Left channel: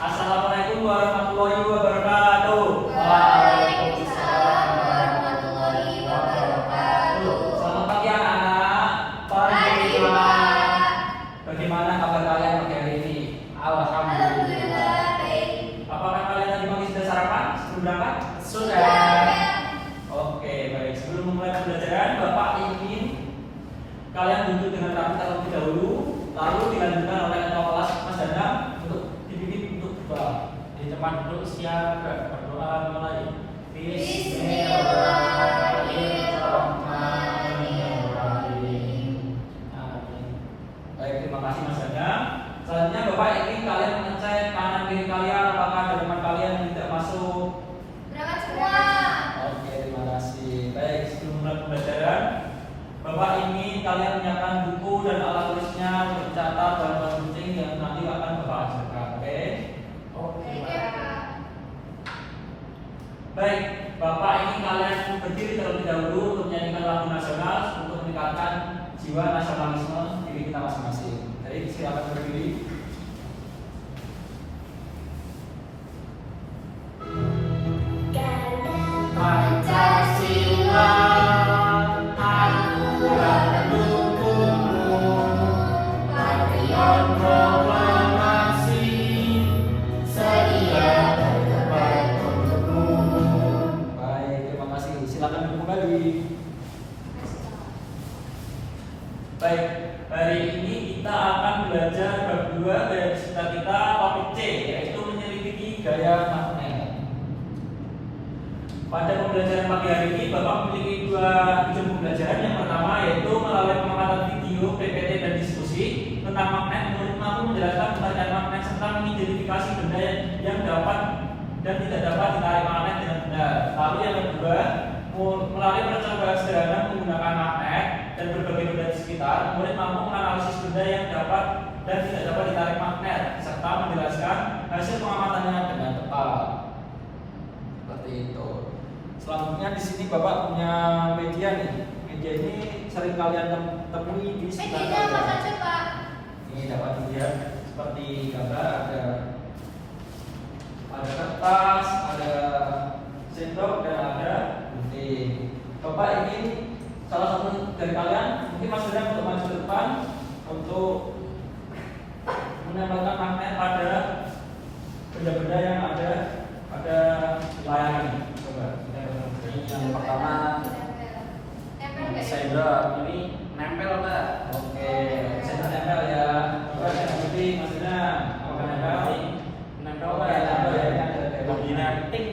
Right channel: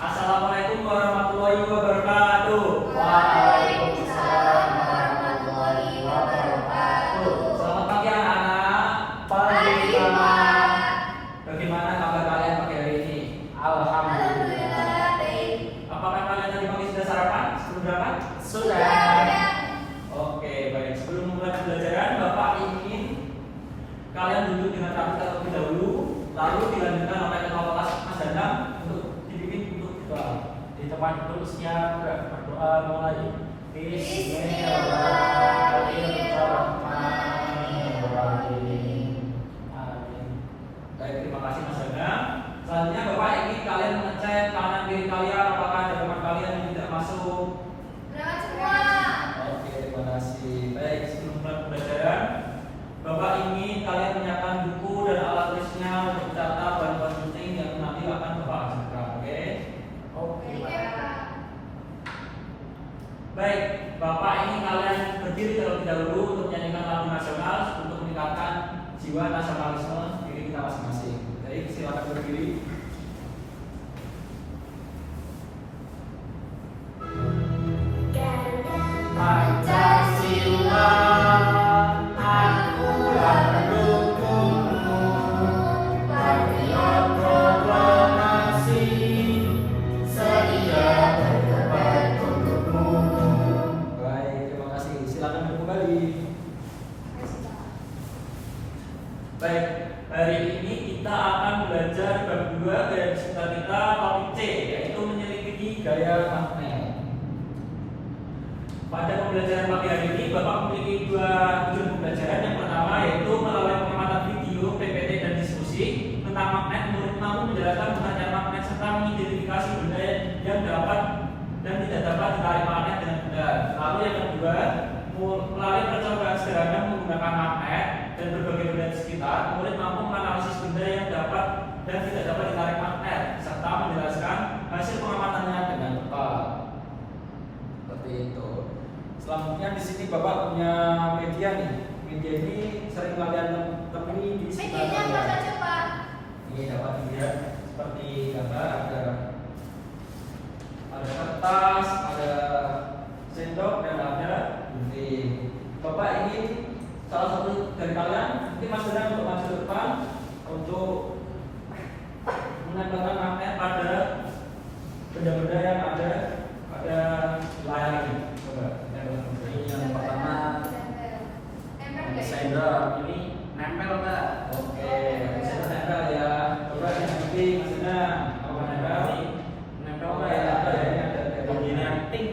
Assalamualaikum warahmatullahi wabarakatuh. Waalaikumsalam warahmatullahi wabarakatuh. Selamat pagi anak-anak. Pagi, Pak. Bagaimana kabar kalian pagi hari ini? Alhamdulillah. Apakah kalian tadi pagi sudah sarapan? Sebelum berangkat? Sudah. Oke, baik. Sebelum memulai pembelajaran, Bapak ingin kalian duduk dengan rapi terlebih dahulu, lalu dilanjutkan oleh ketua kelas Mas Danang untuk dipimpin untuk berdoa. Di tempat duduk siap berdoa mulai. Bismillahirrahmanirrahim. Amin. Baik, terima kasih Mas Danang. Selanjutnya Bapak ingin kalian mengecek kanan kiri kalian apakah ada teman kalian yang tidak masuk. Berangkat semua. Oke, terima kasih. Baik, sebelum mulai pembelajaran, Bapak ingin kalian menyiapkan buku dan alat tulisnya untuk mencatat bahan-bahan penting yang nanti akan Bapak ajarkan. Oke? Oke, Pak. Baik, Bapak ingin kalian berdiri terlebih dahulu untuk menyanyikan lagu nasional untuk meningkatkan jiwa nasionalisme diri kita masing-masing. Baik, silakan berdiri. Pancasila, akulah pendukungmu, patriot proklamasi, sedia berdebat untukmu. Baik, terima kasih. Silakan duduk kembali. Baik, hari ini kita akan belajar bab 2 dari cita kita topik C, yaitu menyelidiki gaya magnet. Pada pembelajaran pagi hari ini, Bapak memiliki dua ujung pembelajaran. Yang pertama yaitu melalui pengamatan video, PPT, dan diskusi tentang magnet. Murid mampu menjelaskan pengertian magnet serta mengidentifikasi benda yang dapat dan tidak dapat ditarik magnet dengan benar. Lalu yang kedua, melalui percobaan sederhana menggunakan magnet dan berbagai benda di sekitar, murid mampu menganalisis benda yang dapat dan tidak dapat ditarik magnet serta menjelaskan hasil pengamatannya dengan tepat. Seperti itu. Selanjutnya di sini Bapak punya media nih. Media ini sering kalian temui di sekitar Medianya apa kalian. saja, Pak? Ini dapat dilihat seperti gambar, ada kertas, ada sendok, dan ada gunting. Bapak ingin salah satu dari kalian mungkin Mas Danang untuk maju ke depan untuk menempelkan magnet pada benda-benda yang ada pada layar ini. Coba kita tempelkan. Yang pertama, sender ini nempel, Pak. Oke, saya nempel ya. Coba yang putih Mas Danang. Coba nempel. Nempel, Oke, Pak. nempel ya. Ini ada Begini, ting.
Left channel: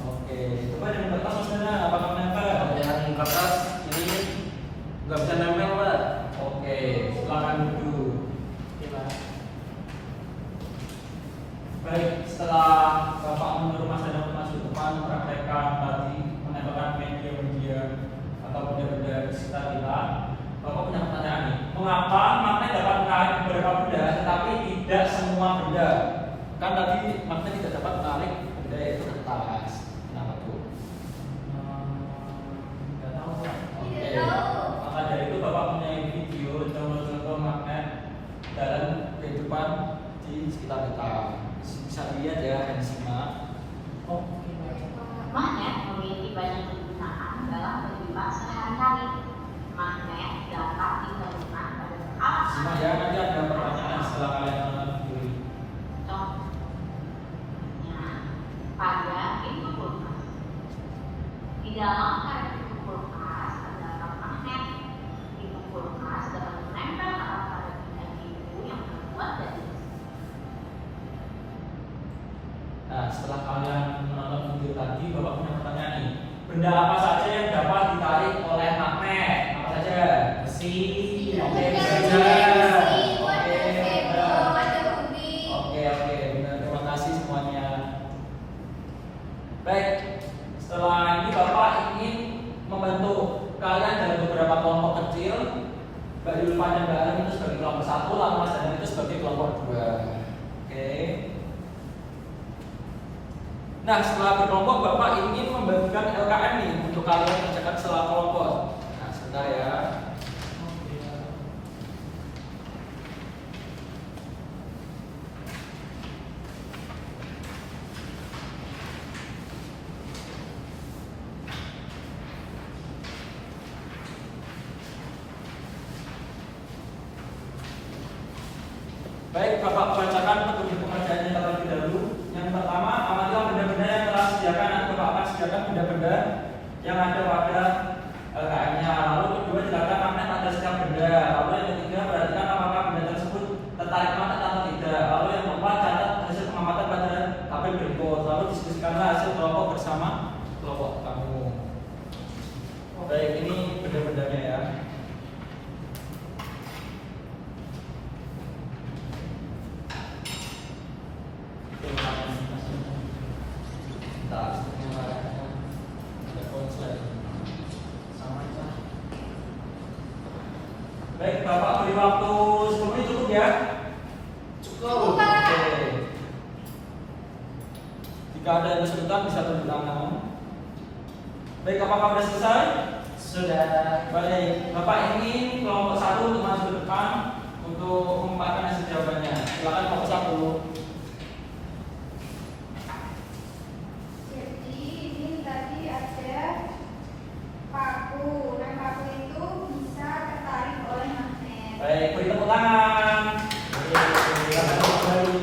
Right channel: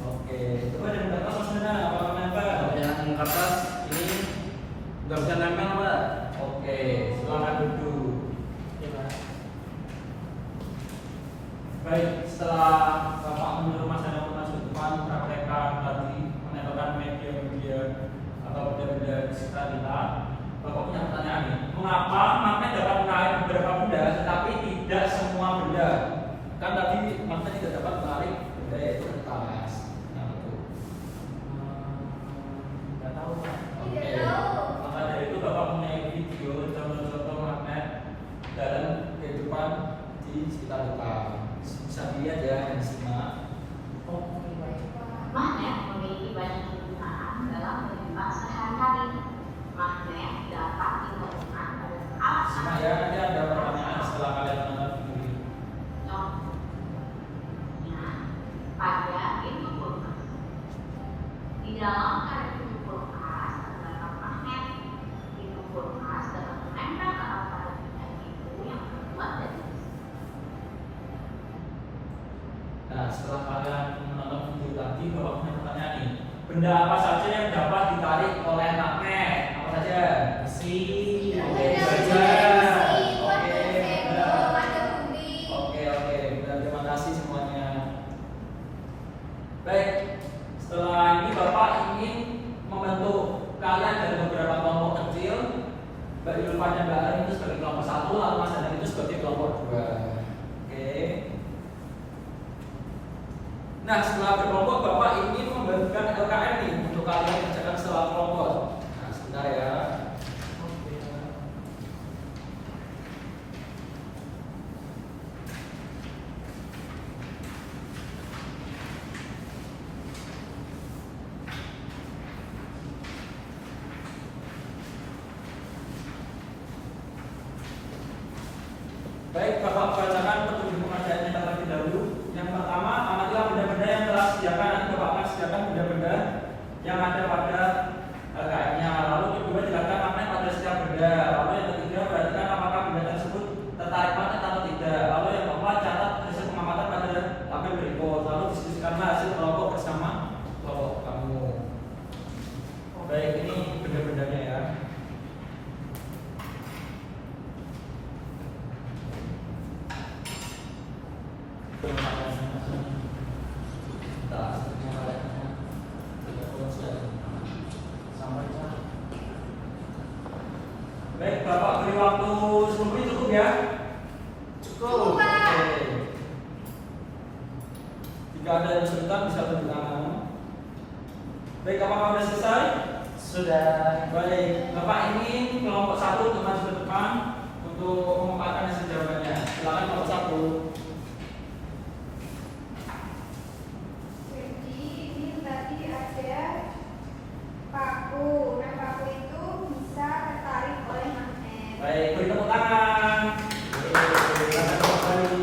Oke, coba dengan kertas Mas Danang. Apakah nempel? Yang kertas ini nggak bisa nempel, Pak. Oke, silakan duduk. Oke, Pak. Baik, setelah Bapak menyuruh Mas Danang maju ke depan praktekkan tadi menempelkan media-media atau benda-benda di sekitar kita, Bapak punya pertanyaan nih. Mengapa magnet dapat menarik beberapa benda, tetapi tidak semua benda? Kan tadi magnet tidak dapat menarik benda itu ke atas. Nah, betul. Nggak tahu, Pak. Oke. Tidak tahu. Maka dari itu Bapak punya video contoh-contoh magnet dalam kehidupan di sekitar kita. Bisa dilihat ya, dan disimak. Oke, Pak. Magnet memiliki banyak kegunaan dalam kehidupan sehari-hari. Magnet dapat ditemukan pada alat Simak ya, nanti ada pertanyaan setelah kalian menonton video ini. contohnya pada pintu kulkas. Di dalam pada pintu kulkas terdapat magnet. Pintu kulkas dapat menempel ke alat pada pintu yang terbuat dari besi. Nah, setelah kalian menonton video tadi, Bapak punya pertanyaan nih. Benda apa saja yang dapat ditarik oleh magnet? Apa saja? Besi. Oke, Benda baca. besi, Oke, ada sendok, benar. ada gunting. Oke, benar. Terima kasih semuanya. Baik, setelah ini Bapak ingin membentuk kalian dalam beberapa kelompok kecil. Mbak Yulfa dan Mbak Arin itu sebagai kelompok 1, lalu Mas Danang itu sebagai kelompok 2. Oke. Nah, setelah berkelompok Bapak ingin membagikan LKM nih untuk kalian mengerjakan setelah kelompok. Nah, sebentar ya. Oke, Pak. Bapak bacakan petunjuk pengerjaannya terlebih dahulu. Yang pertama, amatilah benda-benda yang telah disediakan. Nanti Bapak akan sediakan benda-benda yang ada pada LKM-nya. Lalu kedua, jelaskan magnet pada setiap benda. Lalu yang ketiga, perhatikan apakah benda tersebut tertarik magnet atau tidak. Lalu yang keempat, catat hasil pengamatan pada tabel berikut. Lalu diskusikanlah hasil kelompok bersama kelompok kamu. Baik, ini benda-bendanya ya. Baik, Bapak beri waktu 10 menit cukup ya? Cukup. Oke. Jika ada yang kesulitan bisa tunjuk tangan. Baik, apakah sudah selesai? Sudah. Baik, Bapak ingin kelompok 1 untuk maju ke depan untuk mengumumkan hasil jawabannya. Silakan kelompok 1. Jadi ini tadi ada paku. Nah, paku itu bisa tertarik oleh magnet. Baik, beri tepuk tangan. Silakan kembali.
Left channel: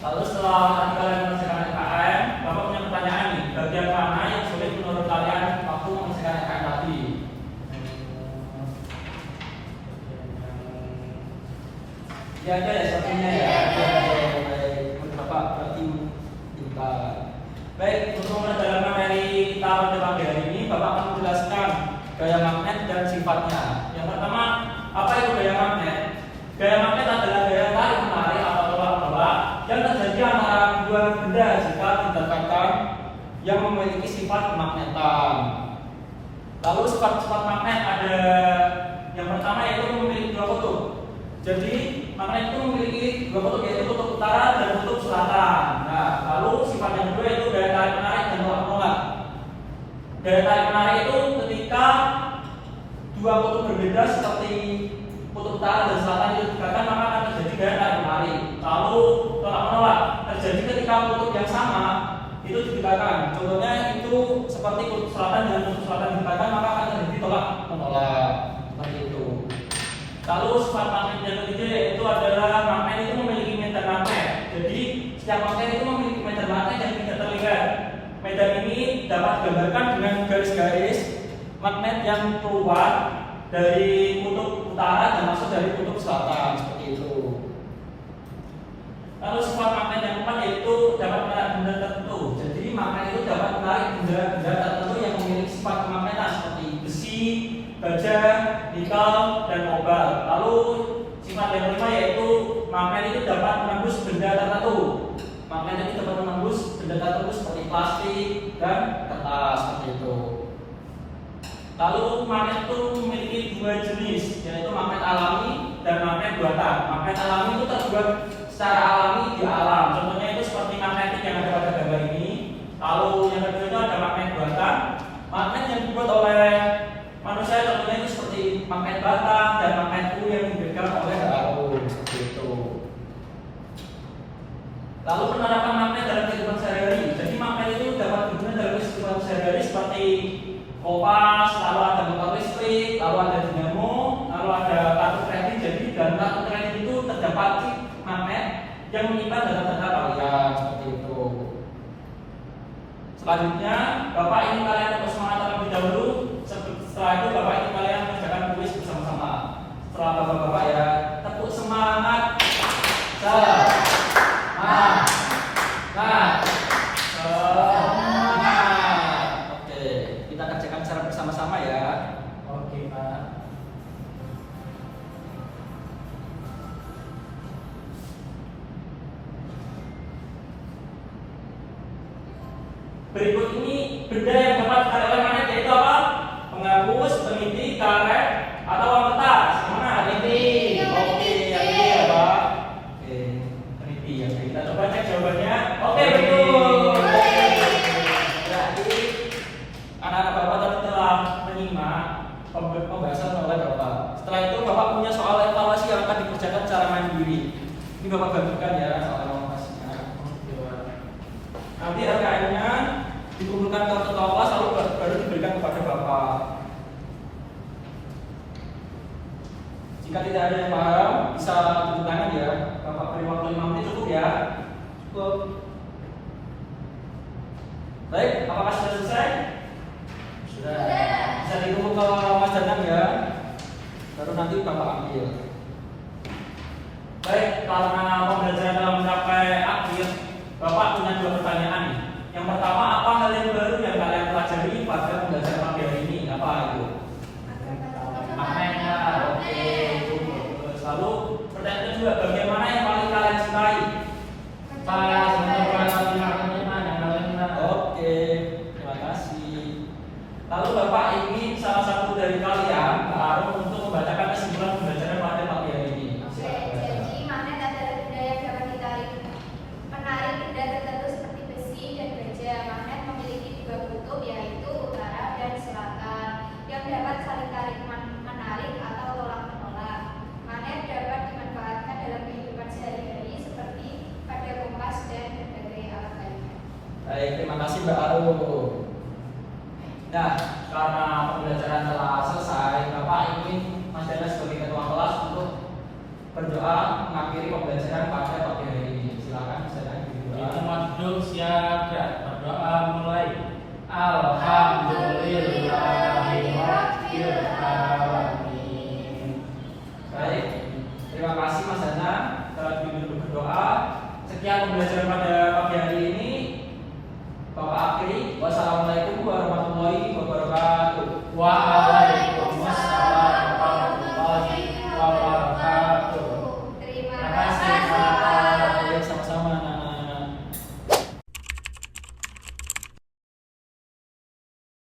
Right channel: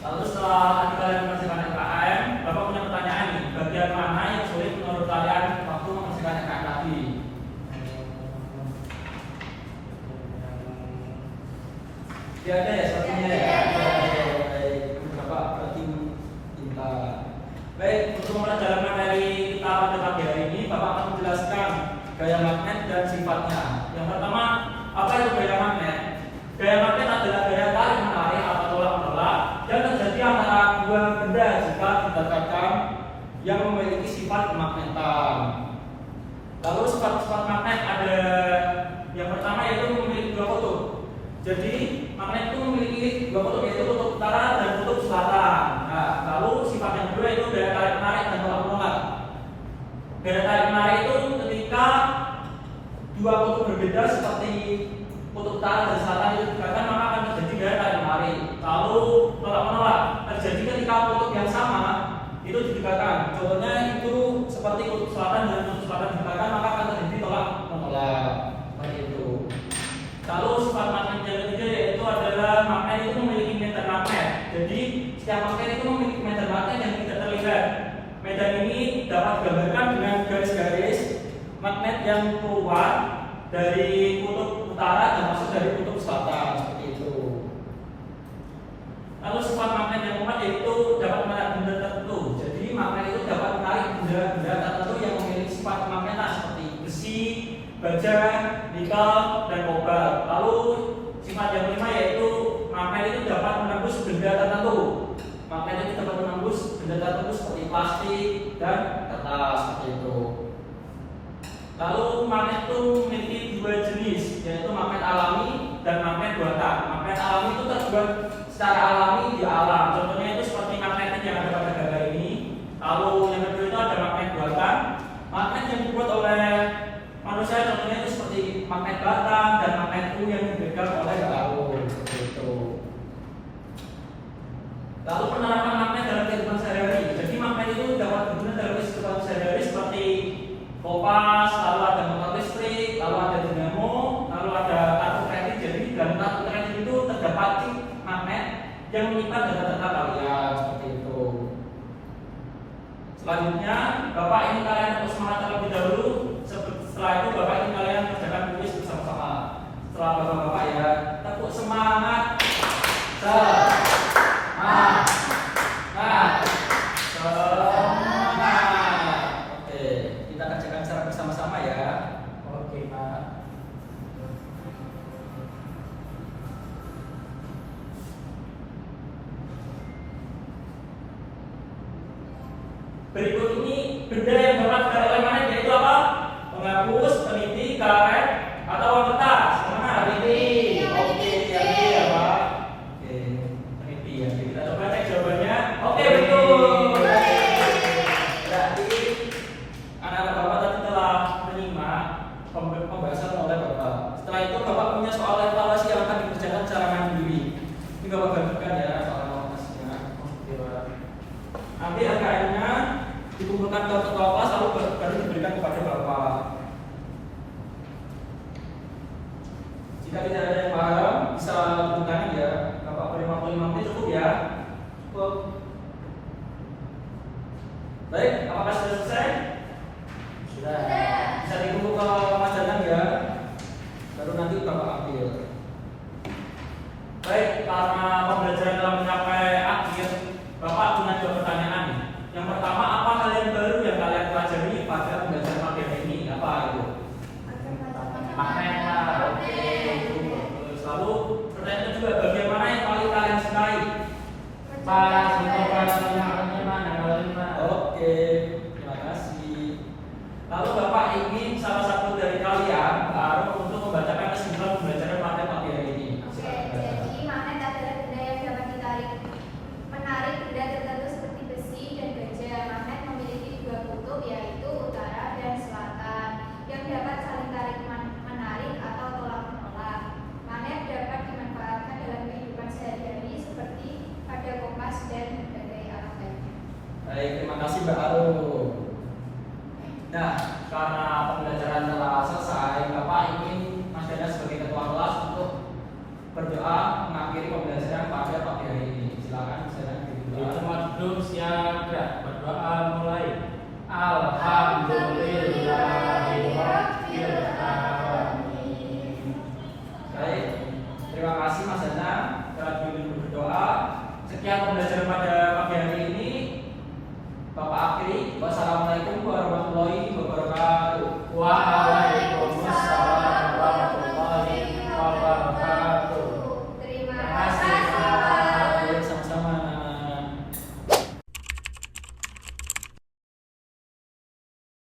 Lalu setelah tadi kalian mengerjakan LKM, Bapak punya pertanyaan nih. Bagian mana yang sulit menurut kalian waktu mengerjakan LKM tadi? Ya ada ya sepertinya ya. Baik, menurut Bapak berarti pintar. Baik, untuk pendalaman dari kita pada pagi hari ini, Bapak akan menjelaskan gaya magnet dan sifatnya. Yang pertama, apa itu gaya magnet? Gaya magnet adalah gaya tarik menarik atau tolak menolak yang terjadi antara dua benda jika didekatkan yang memiliki sifat kemagnetan. Lalu sifat-sifat magnet ada yang pertama yaitu memiliki dua kutub. Jadi magnet itu memiliki dua kutub yaitu kutub utara dan kutub selatan. Nah, lalu sifat yang kedua itu gaya tarik menarik dan tolak menolak. Gaya tarik menarik itu ketika dua kutub berbeda seperti kutub utara dan selatan itu didekatkan maka akan terjadi gaya tarik menarik. Lalu tolak menolak terjadi ketika kutub yang sama itu didekatkan. Contohnya itu seperti kutub selatan dengan kutub selatan didekatkan maka akan terjadi tolak menolak. Seperti itu. Lalu sifat magnet yang ketiga yaitu adalah magnet itu memiliki medan magnet. Jadi setiap magnet itu memiliki medan magnet yang tidak terlihat. Medan ini dapat digambarkan dengan garis-garis magnet yang keluar dari kutub utara dan masuk dari kutub selatan seperti itu. Lalu sifat magnet yang keempat yaitu dapat menarik benda tertentu. Jadi magnet itu dapat menarik benda tertentu yang memiliki sifat magnetan seperti besi, baja, nikel, dan kobalt. Lalu sifat yang kelima yaitu magnet itu dapat menembus benda tertentu. Magnet itu dapat menembus benda tertentu seperti plastik dan kertas seperti itu. Lalu magnet itu memiliki dua jenis, yaitu magnet alami dan magnet buatan. Magnet alami itu terbuat secara alami di alam. Contohnya itu seperti magnetik yang ada pada gambar ini. Lalu yang kedua itu ada magnet buatan. Magnet yang dibuat oleh manusia contohnya itu seperti magnet bata dan magnet U yang dipegang oleh galon seperti itu. Lalu penerapan magnet dalam kehidupan sehari-hari. Jadi magnet itu dapat digunakan dalam kehidupan sehari-hari seperti kompas, lalu ada motor listrik, lalu ada dinamo, lalu ada kartu kredit. Jadi dalam kartu kredit itu terdapat chip magnet yang menyimpan data-data kalian seperti itu. Selanjutnya, Bapak ingin kalian untuk semangat terlebih dahulu. Setelah itu Bapak ingin kalian mengerjakan kuis bersama-sama. Setelah Bapak-bapak ya, tepuk semangat. Semangat. Oke, kita kerjakan secara bersama-sama ya. Oke, Pak. Berikut ini benda yang dapat ditarik oleh magnet yaitu apa? Penghapus, peniti, karet, atau uang kertas. Mana? Peniti. Oke, yang ini ya Pak. Oke, peniti ya. Kita coba cek jawabannya. Oke, betul. Jadi anak-anak Bapak tadi telah menyimak pembahasan oleh Bapak. Setelah itu Bapak punya soal evaluasi yang akan dikerjakan secara mandiri. Ini Bapak bagikan ya soal evaluasinya. Oke, Pak. Nanti RKM-nya dikumpulkan ke ketua kelas lalu baru diberikan kepada Bapak. Jika tidak ada yang paham, bisa tepuk tangan ya. Bapak beri waktu 5 menit cukup ya? Cukup. Baik, apakah sudah selesai? Sudah. Bisa ditunggu ke Mas Danang ya. Baru nanti Bapak ambil. Baik, karena pembelajaran telah mencapai akhir, Bapak punya 2 pertanyaan. Yang pertama, apa hal yang baru yang kalian pelajari pada pembelajaran pagi hari ini? Apa itu? Maknanya. Oke. Lalu pertanyaan kedua, bagian mana yang paling kalian sukai? Pas untuk kelasnya mana kalau ini mah. Oke, terima kasih. Lalu Bapak ingin salah satu dari kalian baru untuk membacakan kesimpulan pembelajaran pada pagi hari ini. Oke, Silakan baca. jadi magnet adalah benda yang dapat ditarik, menarik benda tertentu seperti besi dan baja. Magnet memiliki 2 kutub, yaitu utara dan selatan, yang dapat saling tarik menarik atau tolak menolak. Magnet dapat dimanfaatkan dalam kehidupan sehari-hari seperti pada kompas dan berbagai alat lainnya. Baik, terima kasih Mbak Arum.